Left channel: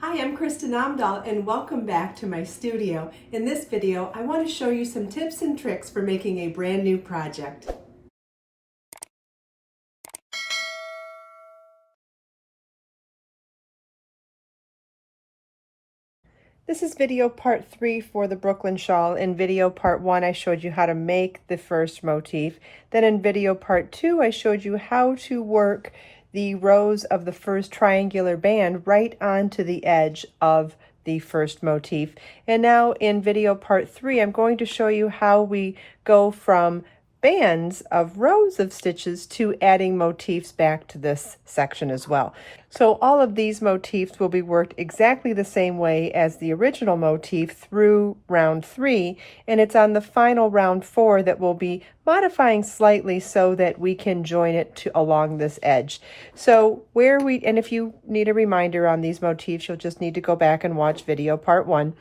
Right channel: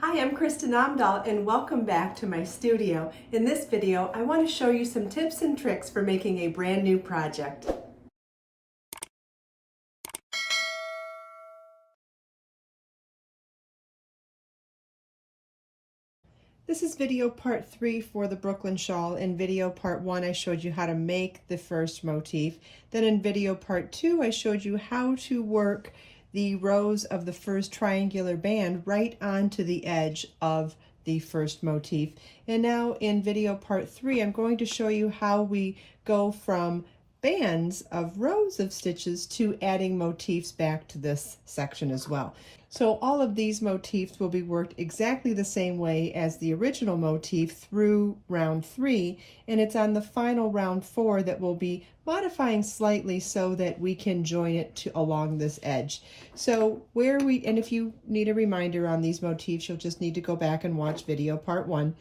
Hi, I'm Kristen Amdahl and welcome back to my studio. In this video, I want to show you some tips and tricks for making a brand new project. This is video part 3 for the Brooklyn shawl. In video part 1, I showed you how to make the first motif. Then in video part 2, I showed you how to work the rows of the first triangular band right onto the edge of the first motif. And now in video part 3, I'm going to show you how we go from bands of rows of stitches to adding motifs back to this section as well. So all of these motifs will be worked exactly the same way as the original motif through round 3, and it's on the final round 4 that we'll be modifying slightly so that we can join it along this edge. So and if you need a reminder on these motifs, you'll just need to go back and watch video part 1.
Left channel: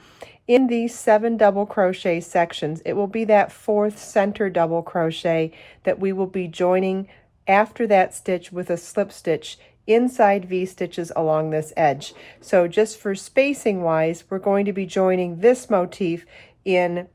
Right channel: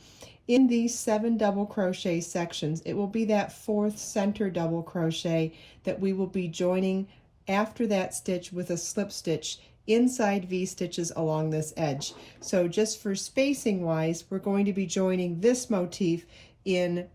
In these 7 double crochet sections, it will be that 4th center double crochet that we will be joining after that stitch with a slip stitch inside V-stitches along this edge. So just for spacing wise, we're going to be joining this motif in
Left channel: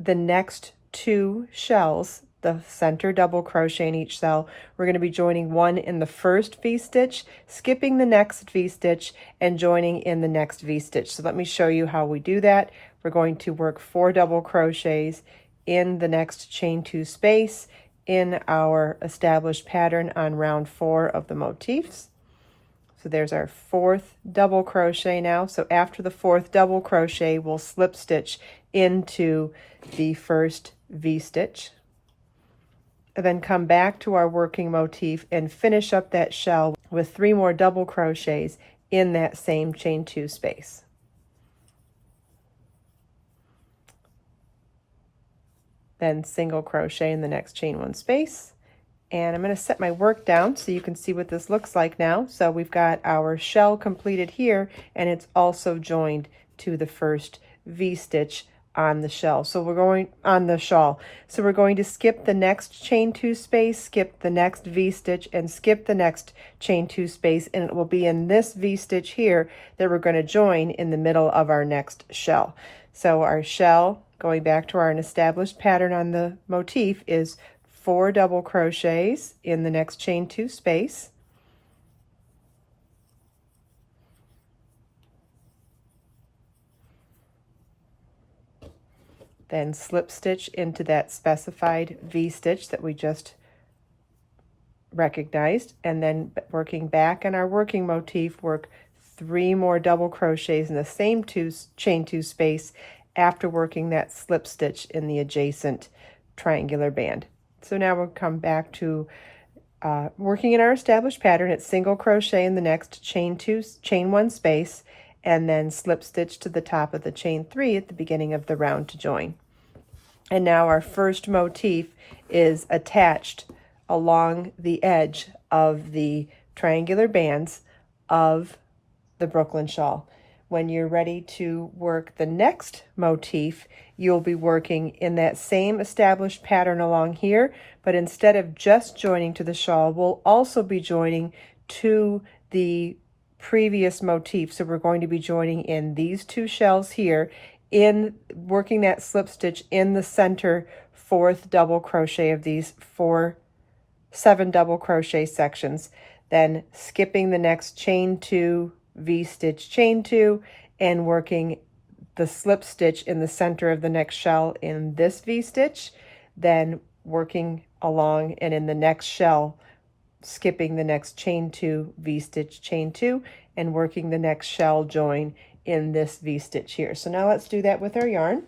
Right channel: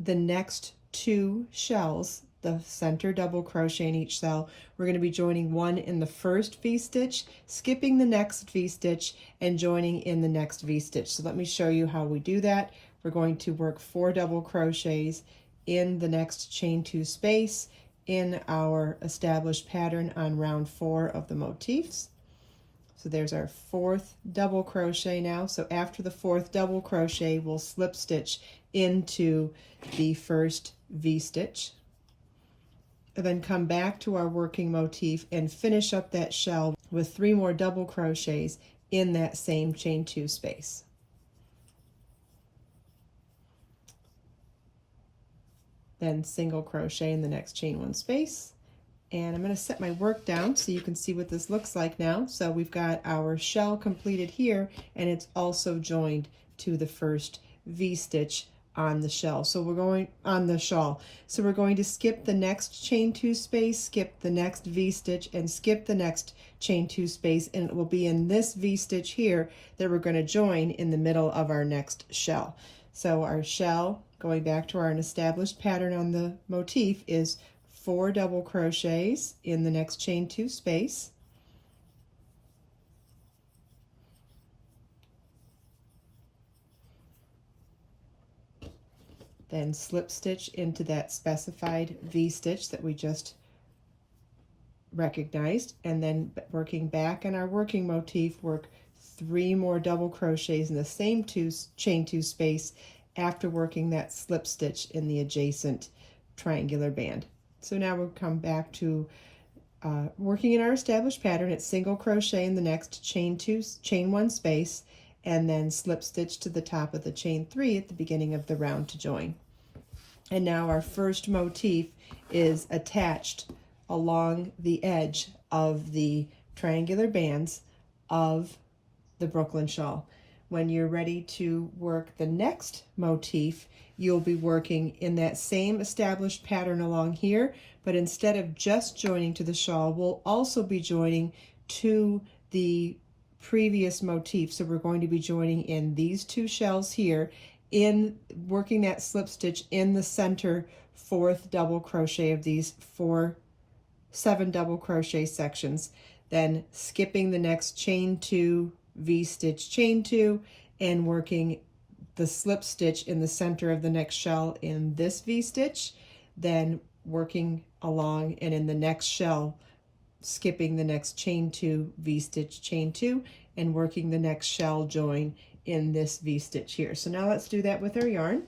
the next 2 shells, the center double crochet in each cell. We're going to be joining one in the first V-stitch, skipping the next V-stitch, and joining in the next V-stitch. So let me show you how we do that. We're going to work 4 double crochets in the next chain 2 space in our established pattern on round 4 of the motifs. So there's our 4th double crochet now. So after the 4th double crochet, we'll slip stitch into the first V-stitch, and then come back to our working motif and finish up that shell with 3 more double crochets in that same chain 2 space. Then single crochet in the next chain 1 space. And I'm going to set my work down so you can see what this looks like now. So we've got our shell completed here, and it's also joined to the first V-stitch on the shell. So we're going on the shawl. So we're going to skip the next chain 2 space, skip the next V-stitch, and skip the next chain 2 space, and it will be in this V-stitch here that we're going to join in the middle of our next shell. So our shell, going back to our established pattern on the motif, is 4 double crochets in the next chain 2 space, then slip stitch into that specified V-stitch that we just recognized, and then working back on our working motif, work 3 more double crochets in the same chain 2 space after working that slip stitch in the adjacent triangular band. So now we'll come back to working in our established pattern. It's single crochet in the next chain 1 space, and then slip stitch to the top of the chain 3 at the beginning of the round to join. And now our first motif is attached along the edge of the triangular bands of the Brooklyn shawl. When you're ready to work the next motif, you'll be working in that same established pattern along here, but instead of just joining to the shawl, we'll also be joining to the previous motif. So we're going to be joining in these 2 shells here, in working that slip stitch in the center 4th double crochet of these 7 double crochet sections, then skipping the next chain 2, V-stitch, chain 2, and working the slip stitch in the center of the next shell in this V-stitch, then working along and in the next shell skipping the next chain 2, V-stitch, chain 2, and working the next shell join in this V-stitch here. So now let's do that with our yarn.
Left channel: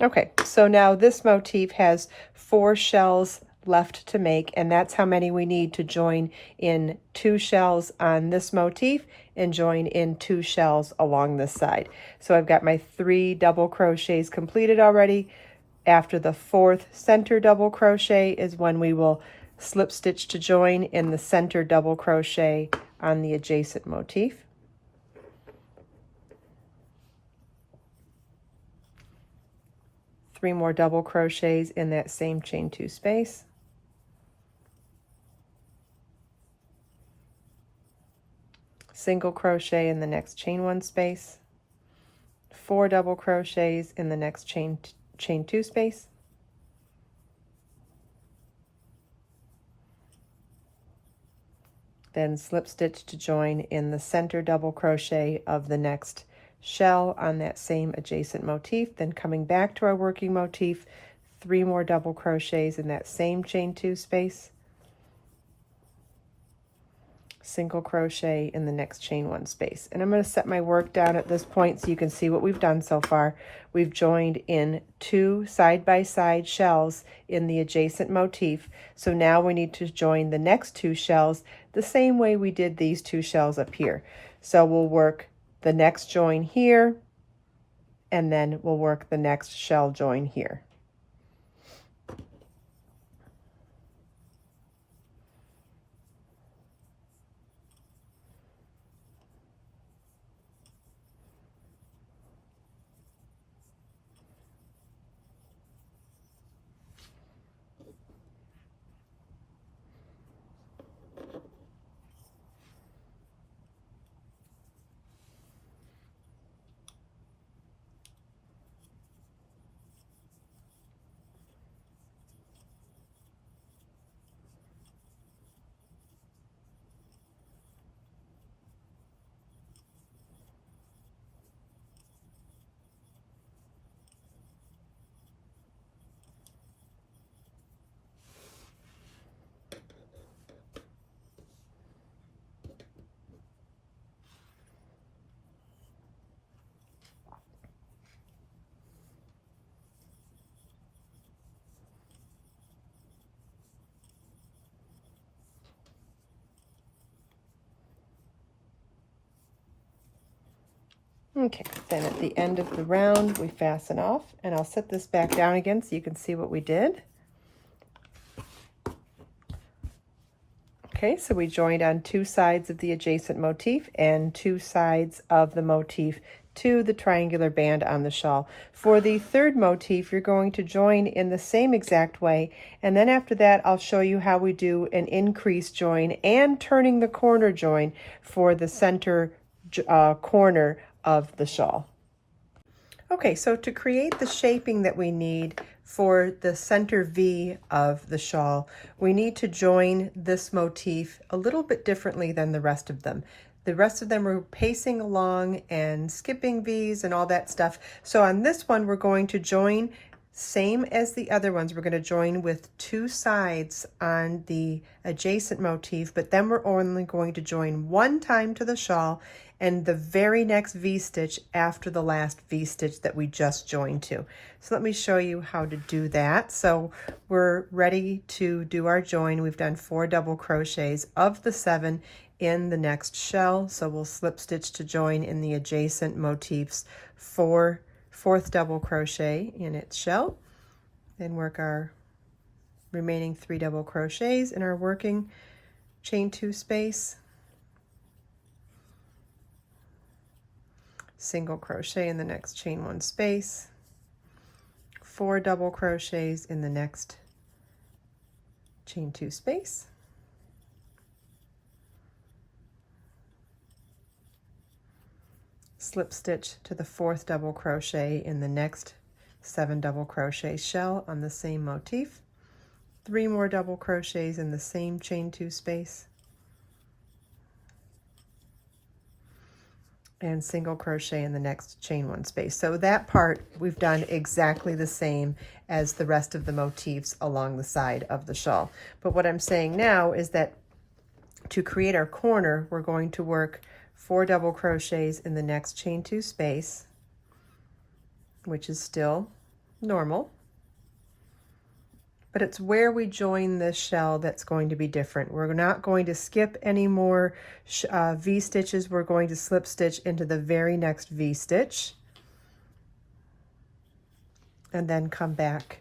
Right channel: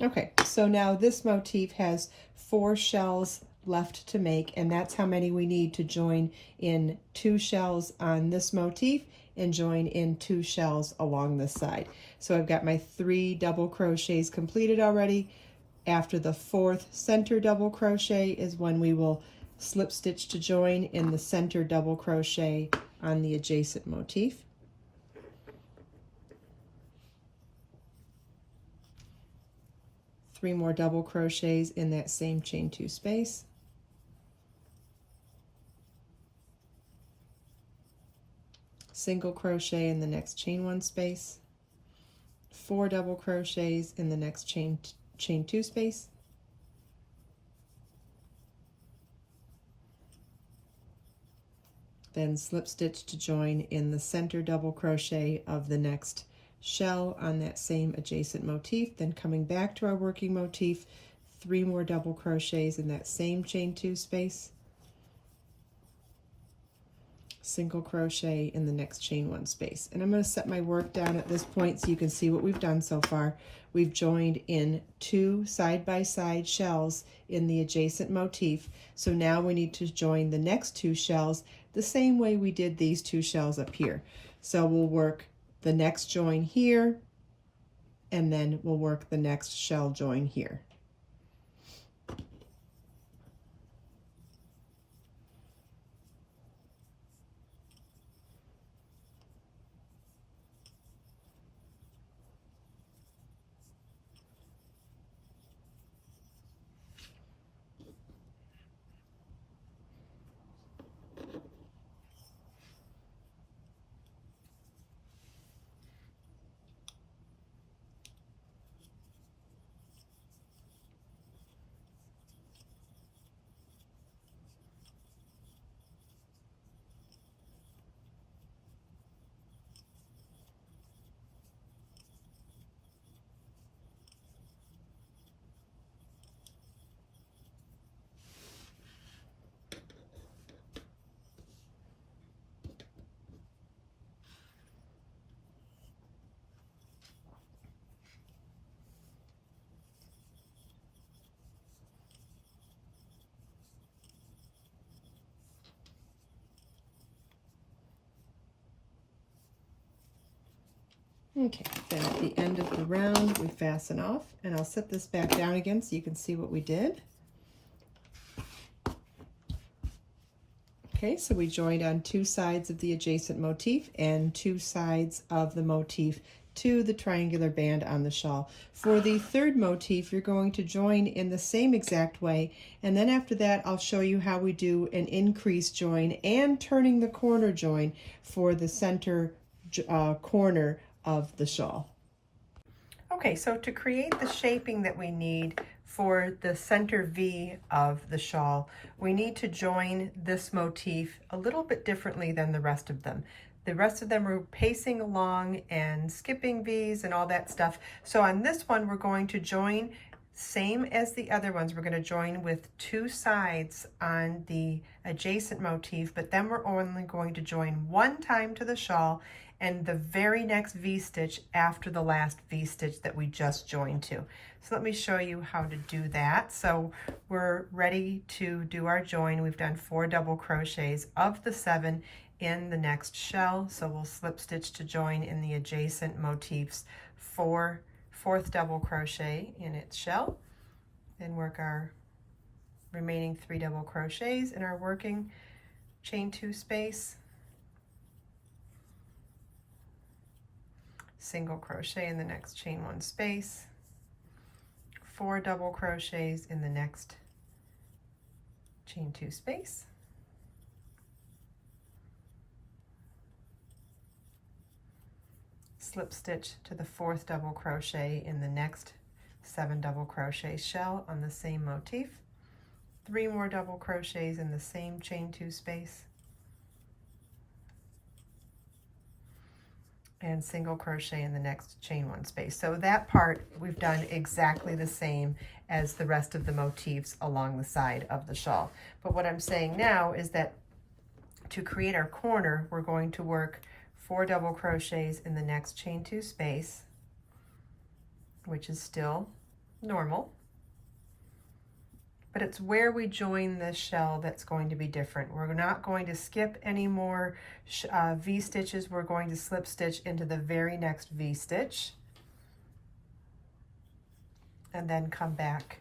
Okay, so now this motif has 4 shells left to make, and that's how many we need to join in 2 shells on this motif and join in 2 shells along this side. So I've got my 3 double crochets completed already. After the 4th center double crochet is when we will slip stitch to join in the center double crochet on the adjacent motif. Three more double crochets in that same chain 2 space. single crochet in the next chain 1 space, 4 double crochets in the next chain 2 space, then slip stitch to join in the center double crochet of the next shell on that same adjacent motif, then coming back to our working motif, 3 more double crochets in that same chain 2 space, single crochet in the next chain 1 space. And I'm going to set my work down at this point so you can see what we've done so far. We've joined in 2 side-by-side shells in the adjacent motif. So now we need to join the next 2 shells the same way we did these 2 shells up here. So we'll work the next join here, and then we'll work the next shell join here. Okay, then at the end of the round, we fasten off, and I'll set this back down again so you can see what we did. Okay, so we joined on 2 sides of the adjacent motif and 2 sides of the motif to the triangular band on the shawl. For the third motif, you're going to join in the same exact way, and then after that, I'll show you how we do an increase join and turning the corner join for the center corner of the shawl. Okay, so to create the shaping that we need for the center V of the shawl, we need to join this motif a little bit differently than the rest of them. The rest of them are pacing along and skipping V's and all that stuff. So on this one, we're going to join same as the other ones. We're going to join with 2 sides on the adjacent motif, but then we're only going to join 1 time to the shawl and the very next V-stitch after the last V-stitch that we just joined to. So let me show you how to do that. So we're ready to do our join. We've done 4 double crochets of the 7 in the next shell. So we'll slip stitch to join in the adjacent motifs 4th double crochet in its shell, then work our remaining 3 double crochets in our working chain 2 space, single crochet in the next chain 1 space, 4 double crochets in the next chain 2 space, slip stitch to the 4th double crochet in the next 7 double crochet shell on the same motif, 3 more double crochets in the same chain 2 space, and single crochet in the next chain 1 space. So that part we've done exactly the same as the rest of the motifs along the side of the shawl. But what I'm saying now is that to create our corner, we're going to work 4 double crochets in the next chain 2 space, which is still normal, but it's where we join this shell that's going to be different. We're not going to skip any more V stitches. We're going to slip stitch into the very next V stitch and then come back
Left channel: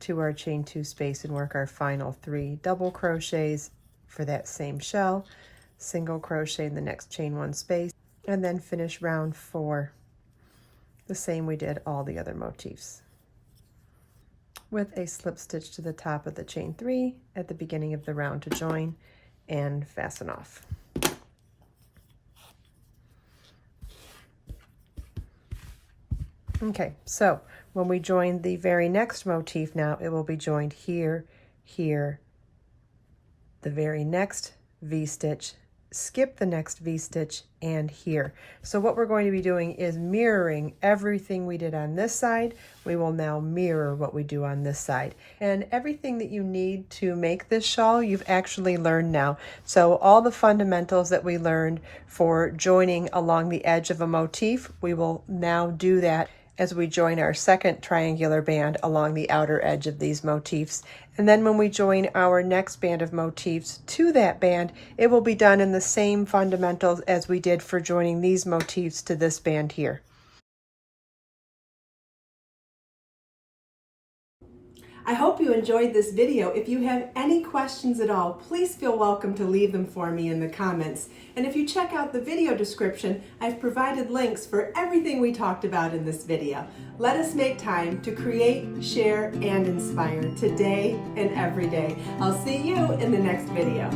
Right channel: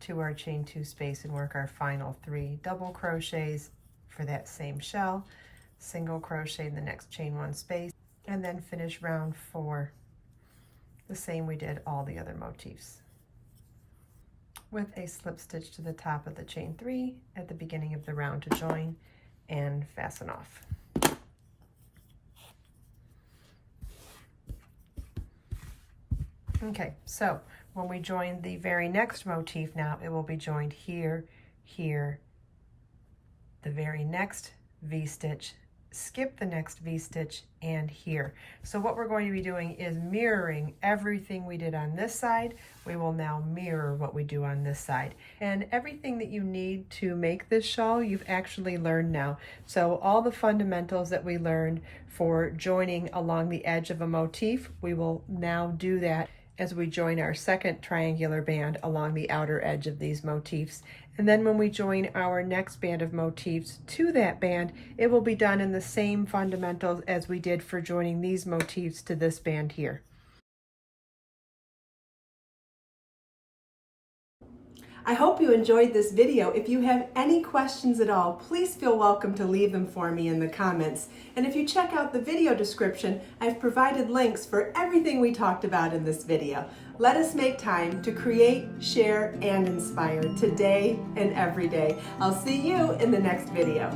to our chain 2 space and work our final 3 double crochets for that same shell, single crochet in the next chain 1 space, and then finish round 4 the same we did all the other motifs, with a slip stitch to the top of the chain 3 at the beginning of the round to join and fasten off. Okay, so when we join the very next motif now, it will be joined here, here, the very next V-stitch, skip the next V-stitch, and here. So what we're going to be doing is mirroring everything we did on this side. We will now mirror what we do on this side. And everything that you need to make this shawl, you've actually learned now. So all the fundamentals that we learned for joining along the edge of a motif, we will now do that as we join our second triangular band along the outer edge of these motifs. And then when we join our next band of motifs to that band, it will be done in the same fundamentals as we did for joining these motifs to this band here. I hope you enjoyed this video. If you have any questions at all, please feel welcome to leave them for me in the comments. And if you check out the video description, I've provided links for everything we talked about in this video. Let us make time to create, share, and inspire today and every day. I'll see you in the next video.